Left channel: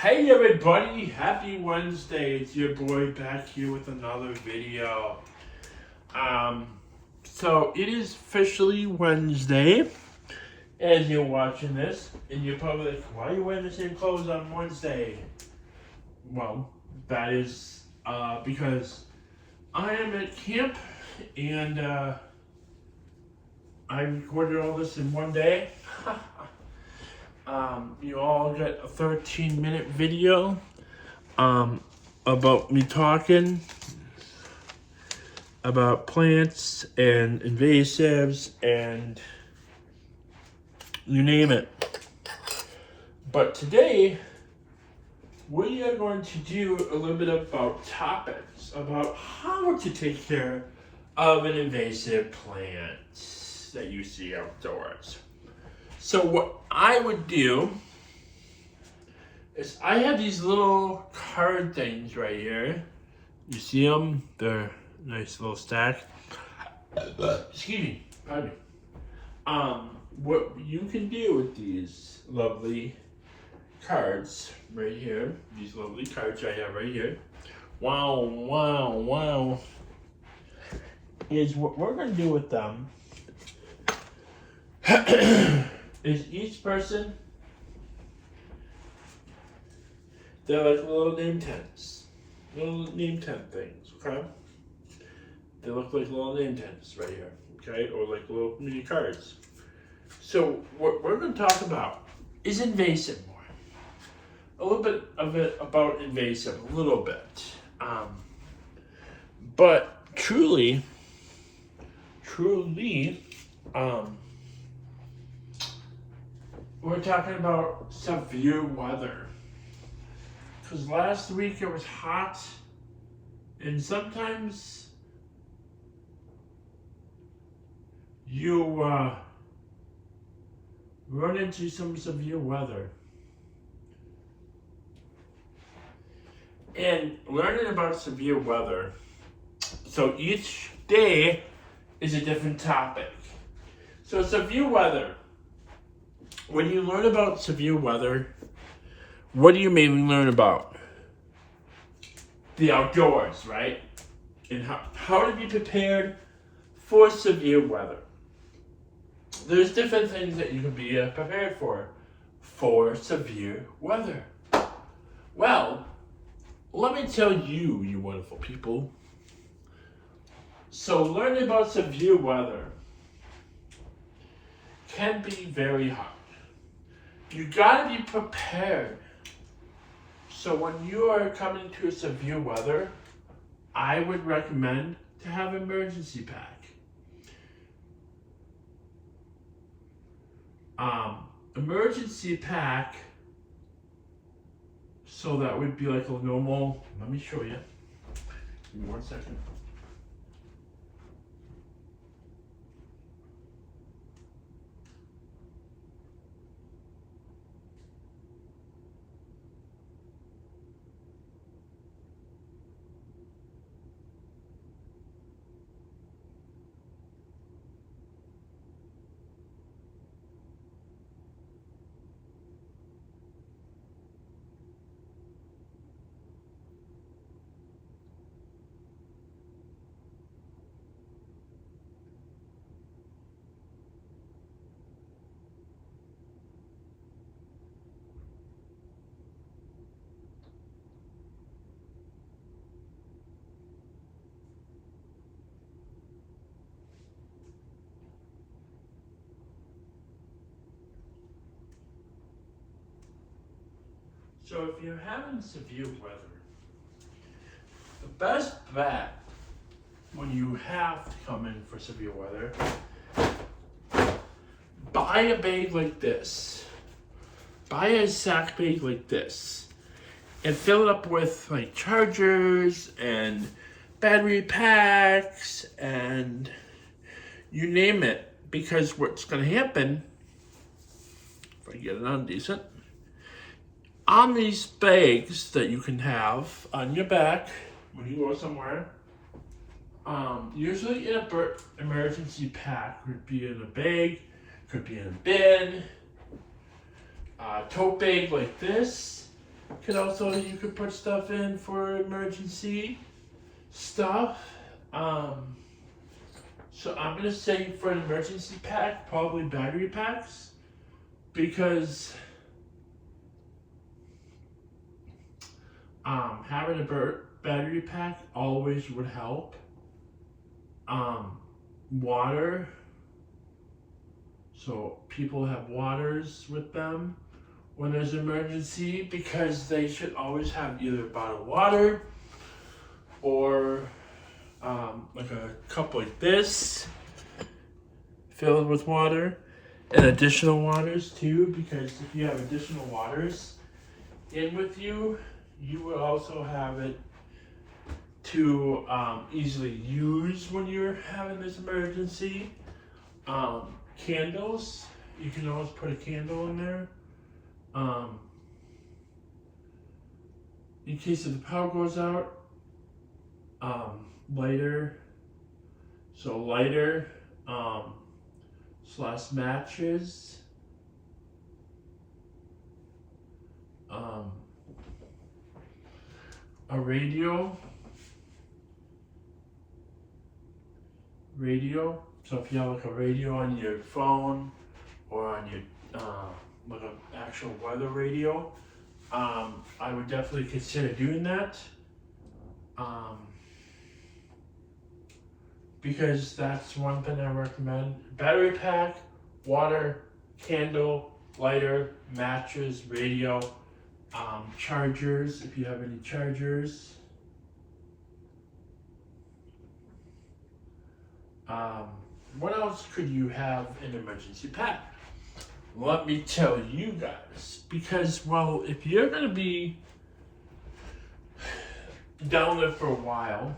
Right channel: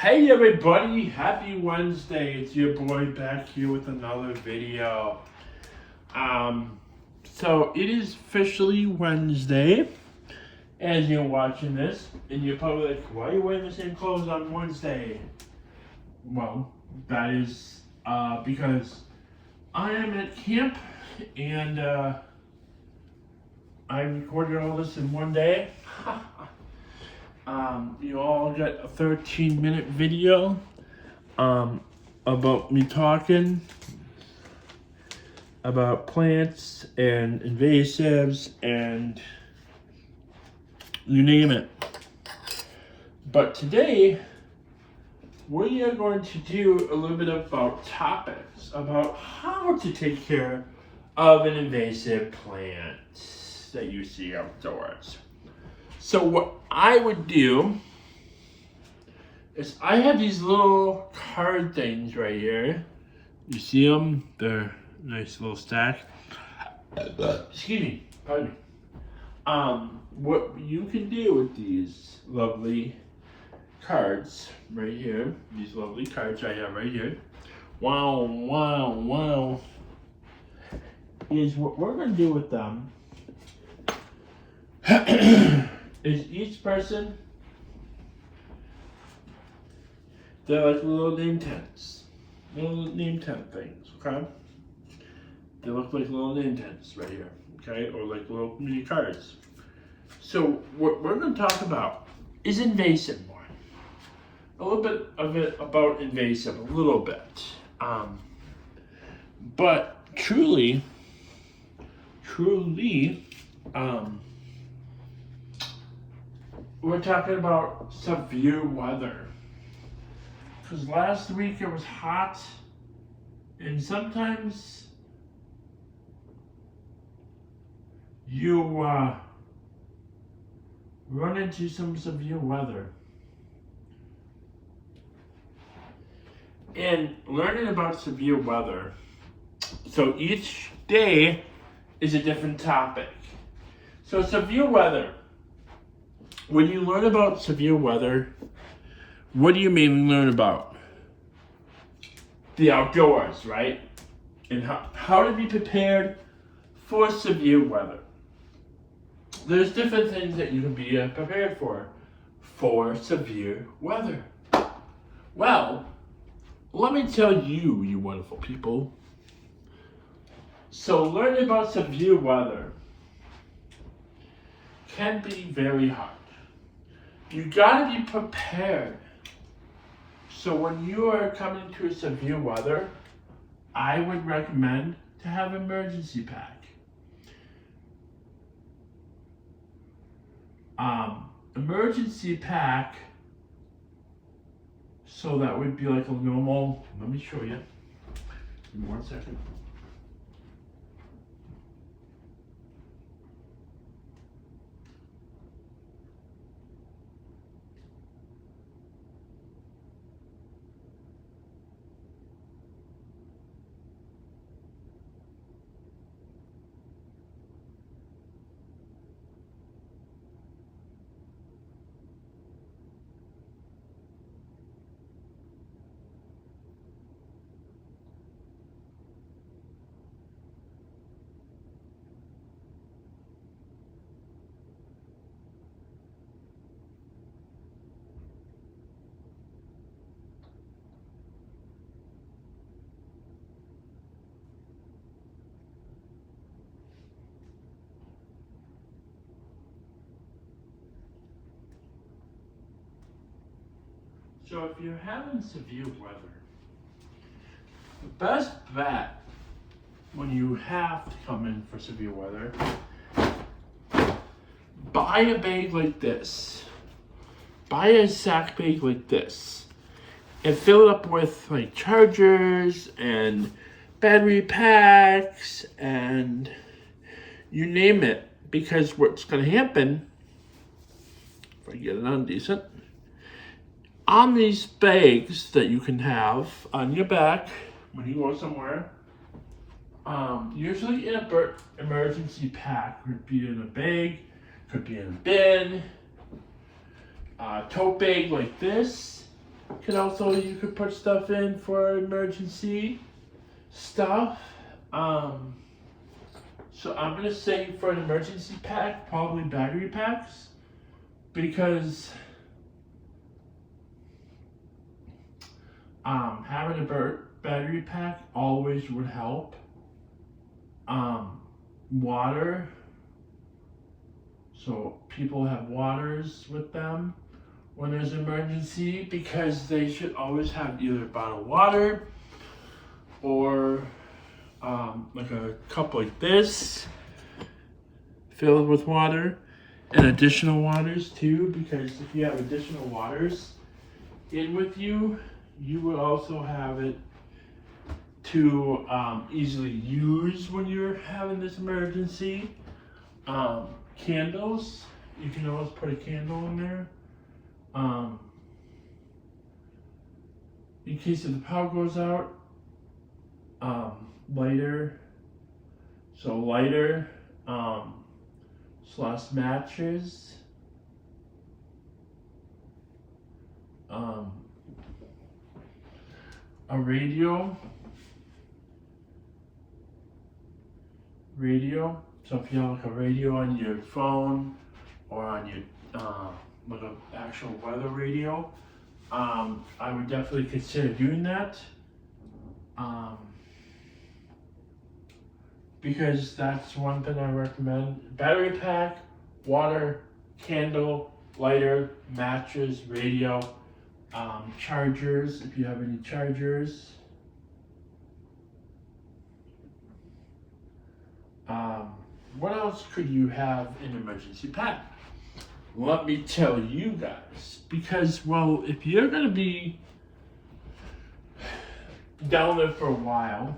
Hey everybody, happy Wednesday. It's your boy back here with another video. So it is officially Wednesday as you're watching this, and you're probably like, why are you wearing the same clothes on Wednesday? Well, that is because I am at camp and I recorded all this in one day. You all got a 13-minute video about me talking about plants and invasives and you name it. But today we are going to do a little bit about topics about how to take care of an invasive plant that you see outdoors. So what I would do is I have these little card things right here. You see them? They're a nice little stack. Excuse me, pardon me. What you can do with these lovely cards right here, these lovely cards I have right here. Wow, wow, wow. Is what we're gonna do with them is each person, they're like little name tents. Little name tent things, okay? They look like little name tents right here, okay? Or like little mini cards. So what we're gonna talk about is invasive more. A little bit of it about invasive, a little bit. But truly, we're talking about severe weather. Because last week it was hot, and sometimes you run into some severe weather. And learning about severe weather, so each day is a different topic. So severe weather. When you learn about severe weather, what do you mainly learn about? The outdoors, right? And how to be prepared for severe weather. There's different things that you can be prepared for severe weather. Well, let me tell you, you wonderful people. So learning about severe weather can be very hard. You gotta be prepared. So when you are coming to severe weather, I would recommend to have an emergency pack. Emergency pack, so that would be like a normal, let me show you. Give me 1 second. So if you're having severe weather, the best bet when you have to come in for severe weather, buy a bag like this. Buy a sack bag like this. And fill it up with like chargers and battery packs and you name it. Because what's gonna happen, if I get it on decent, on these bags that you can have on your back when you go somewhere, usually in an emergency pack, could be in a bag, could be in a bin, a tote bag like this, You could put stuff in for emergency stuff. So I'm gonna say for an emergency pack, probably battery packs, because having a battery pack always would help. Water, so people have waters with them when there's an emergency, because they should always have either bottled water or like a cup like this filled with water, and additional waters too, because if you have additional waters in with you, you will also have it to easily use when you're having this emergency. Candles, you can always put a candle in there. In case if the power goes out, lighter, so lighter, slash matches, a radio, so if you have like a radio on your phone or on your like an actual weather radio, I would definitely consider doing that, because that's one thing I recommend. Battery pack, water, candle, lighter, matches, radio, chargers if you have any chargers. What else could you have in an emergency pack? Let me tell you guys, because, well, if you're going to be down there for a while,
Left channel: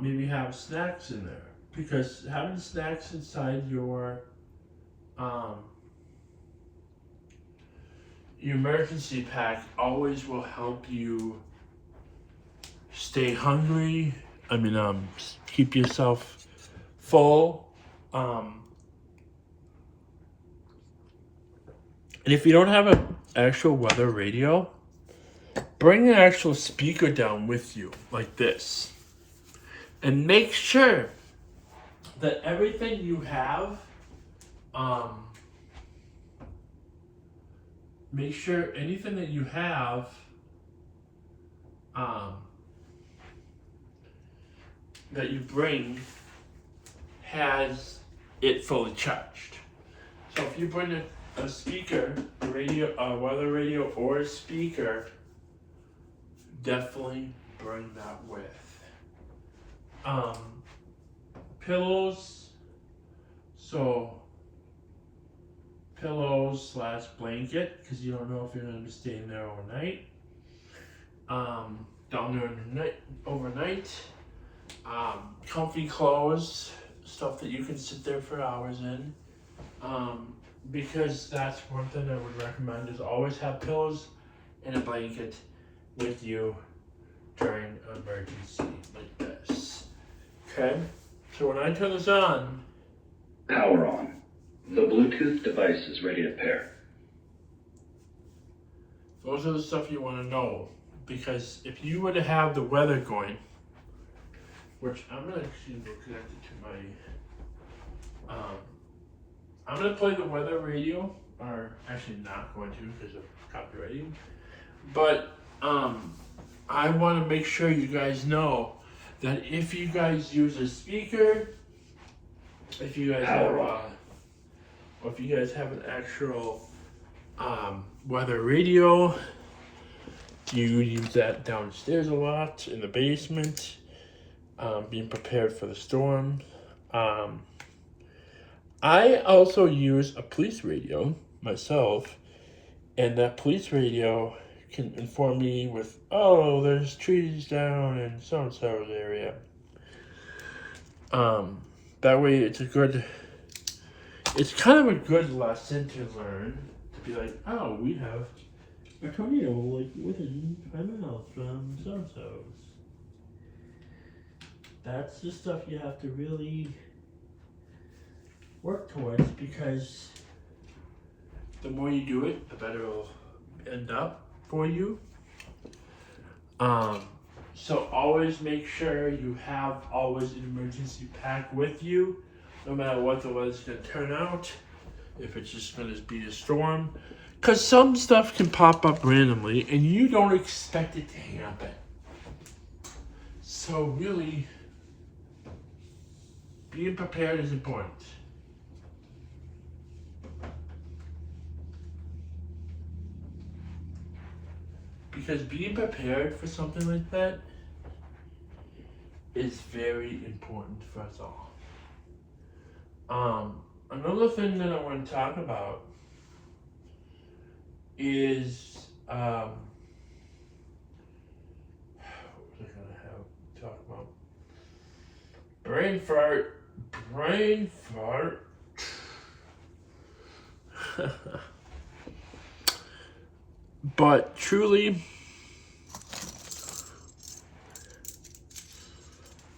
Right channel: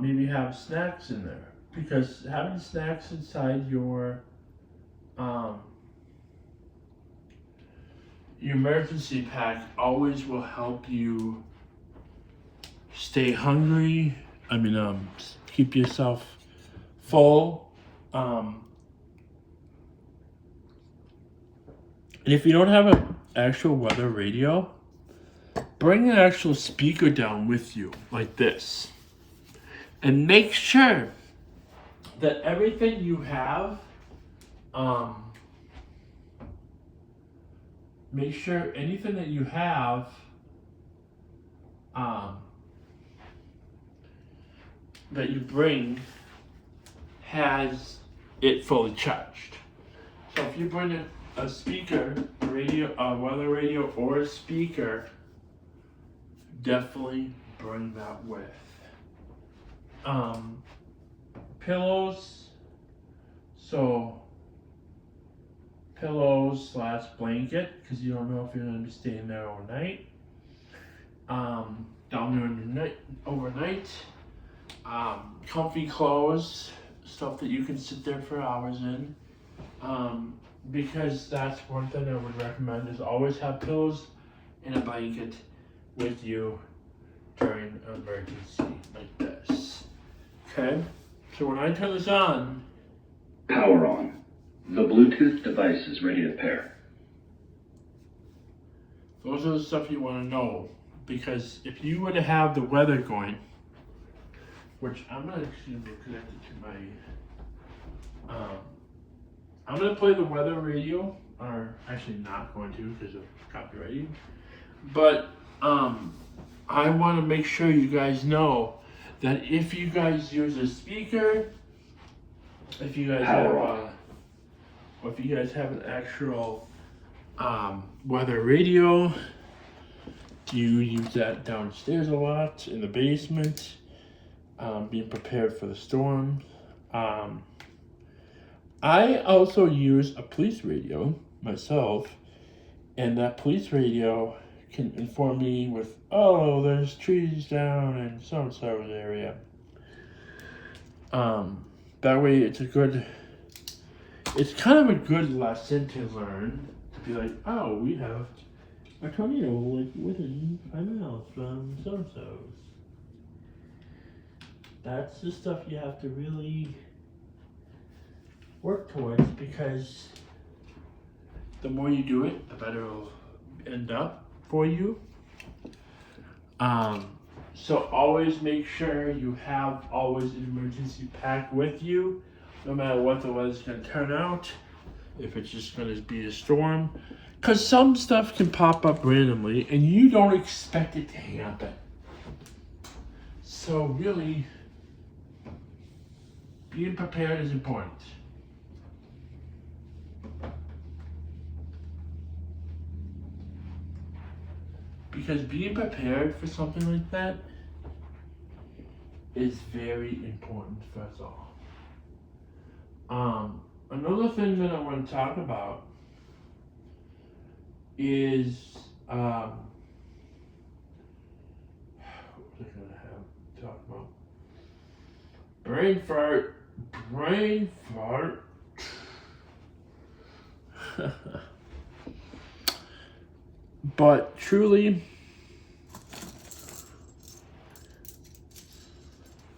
maybe have snacks in there, because having snacks inside your emergency pack always will help you stay hungry. Keep yourself full. And if you don't have an actual weather radio, bring an actual speaker down with you, like this. And make sure that everything you have, make sure anything that you have, that you bring has it fully charged. So if you bring a speaker, a weather radio or a speaker, definitely bring that with. Pillows, so pillows slash blanket, because you don't know if you're going to be staying there overnight. Down there overnight. Comfy clothes, stuff that you can sit there for hours in. Because that's one thing I would recommend, is always have pillows and a blanket with you during an emergency like this. Okay? So when I turn this on, power on. The Bluetooth device is ready to pair. Those are the stuff you want to know, because if you were to have the weather going, which I'm going to actually connect it to my, I'm going to play the weather radio, or actually not going to because of copywriting, but I want to make sure you guys know that if you guys use a speaker, if you guys have an actual weather radio, you use that downstairs a lot in the basement, being prepared for the storm. I also use a police radio myself, and that police radio can inform me with, oh, there's trees down in so-and-so's area. That way it's kind of a good lesson to learn, to be like, oh, we have a tornado like within 5 miles from so-and-so's. That's the stuff you have to really work towards, because the more you do it, the better it'll end up for you. So always make sure you have always an emergency pack with you, no matter what the weather's gonna turn out. If it's just gonna be a storm, because some stuff can pop up randomly and you don't expect it to happen. So really, being prepared is important. Because being prepared for something like that is very important for us all. Another thing that I want to talk about is what was I gonna have talk about? Brain fart. Brain fart. But truly,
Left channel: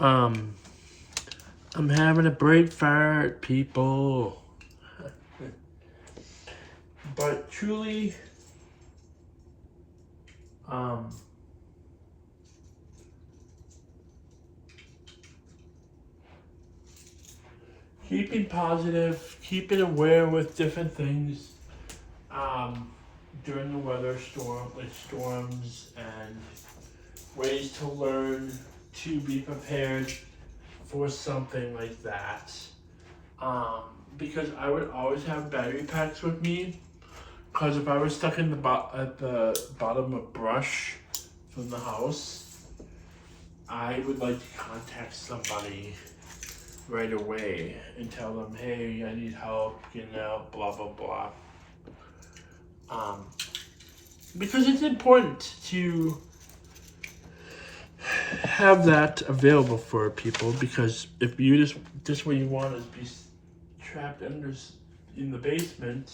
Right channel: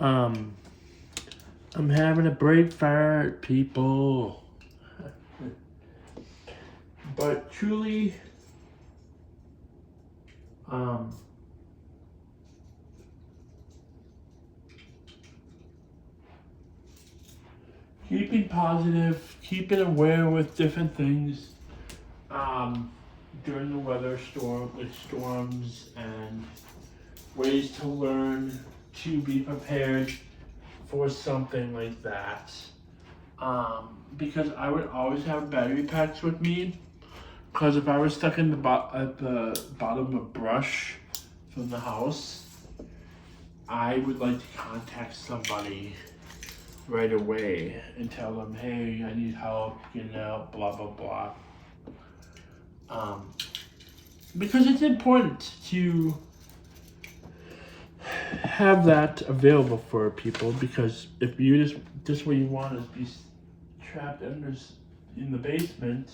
I'm having a brain fart, people. But truly, keeping positive, keeping aware with different things, during the weather storm, like storms, and ways to learn to be prepared for something like that. Because I would always have battery packs with me. Because if I was stuck in at the bottom of brush from the house, I would like to contact somebody right away and tell them, hey, I need help, getting out, blah, blah, blah. Because it's important to have that available for people, because if you just what you want is be trapped in the basement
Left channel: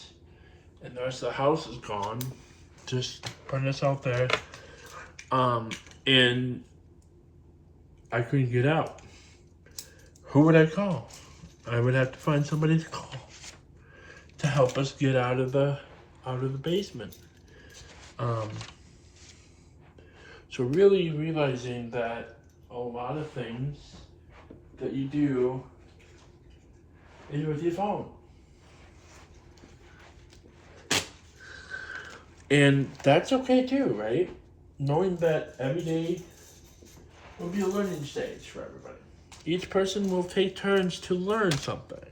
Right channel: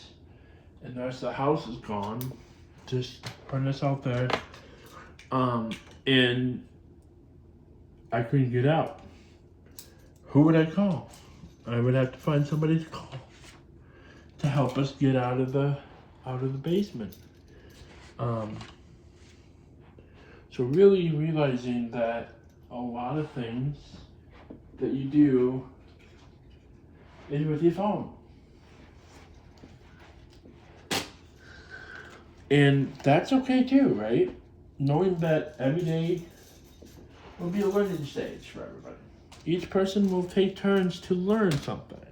and the rest of the house is gone, just putting this out there, and I couldn't get out. Who would I call? I would have to find somebody to call to help us get out of the basement. So really realizing that a lot of things that you do is with your phone. And that's okay too, right? Knowing that every day will be a learning stage for everybody. Each person will take turns to learn something.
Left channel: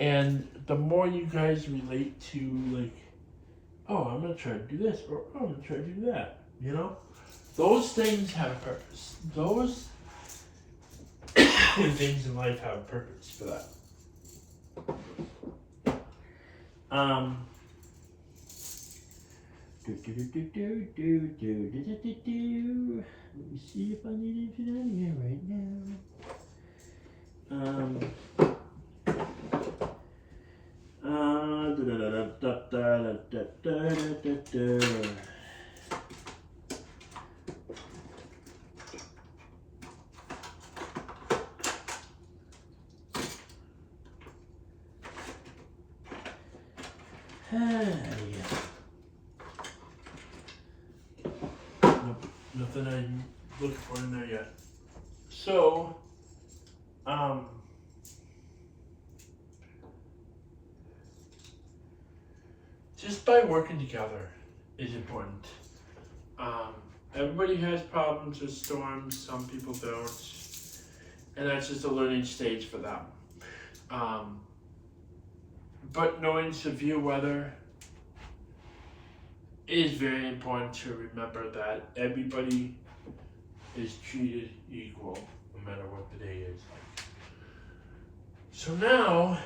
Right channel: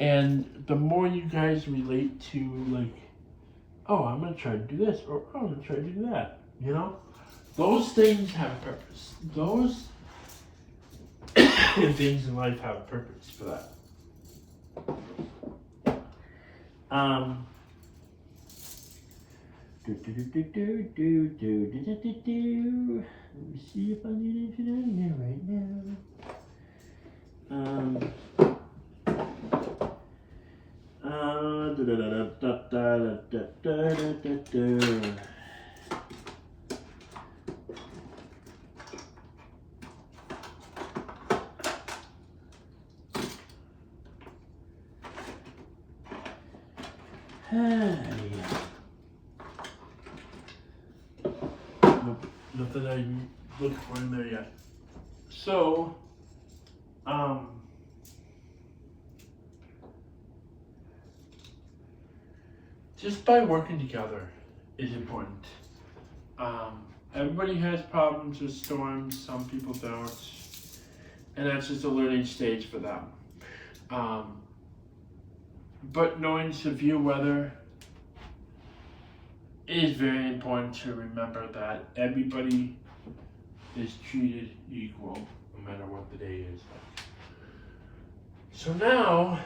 And the more you guys relate to, like, oh, I'm going to try to do this, or oh, I'm going to try to do that, you know? Those things have a purpose. Those things in life have a purpose for that. Let me see if I need anything on here right now. Nope, nothing I'm looking for in there yet. So, just by working together is important. Everybody has problems with storms, some people don't, and that's just a learning stage for them. But knowing severe weather is very important to remember that everybody is treated equal, no matter what the day is. So now,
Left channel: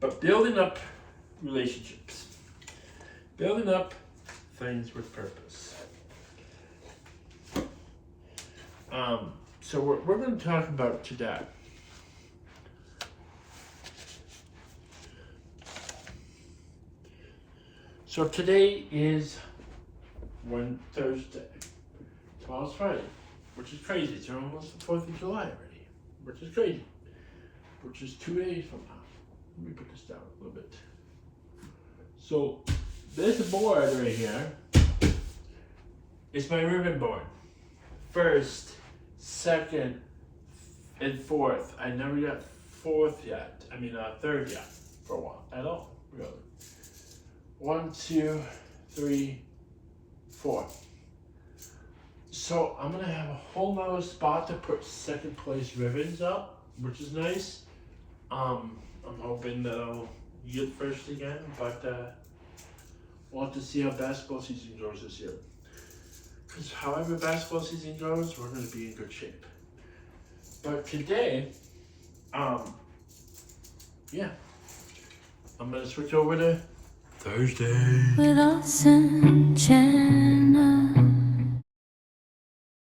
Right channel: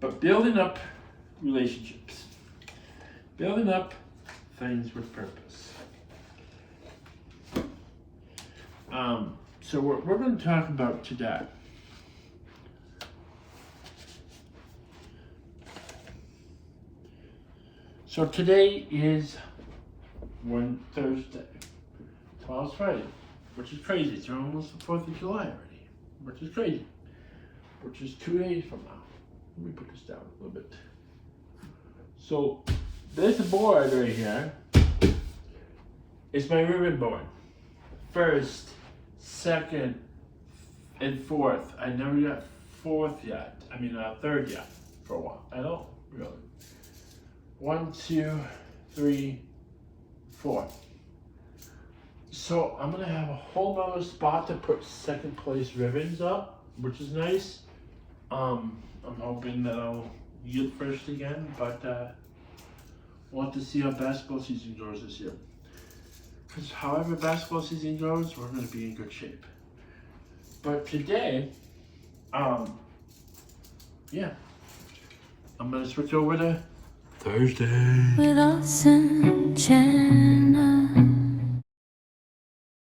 but building up relationships, building up things with purpose. So we're going to talk about today. So today is Thursday. Tomorrow's Friday, which is crazy. It's almost the 4th of July already, which is crazy. which is 2 days from now. Let me put this down a little bit. So this board right here is my ribbon board. First, second, and fourth. I never got fourth yet. I mean, third yet for a while. I don't really. 1, 2, 3, 4. So I'm gonna have a whole nother spot to put second place ribbons up, which is nice. I'm hoping that I'll get first again, but we'll have to see how basketball season goes this year. Because however basketball season goes, we're gonna be in good shape. But today, yeah, I'm gonna switch over to Thursday. With us and Jenna.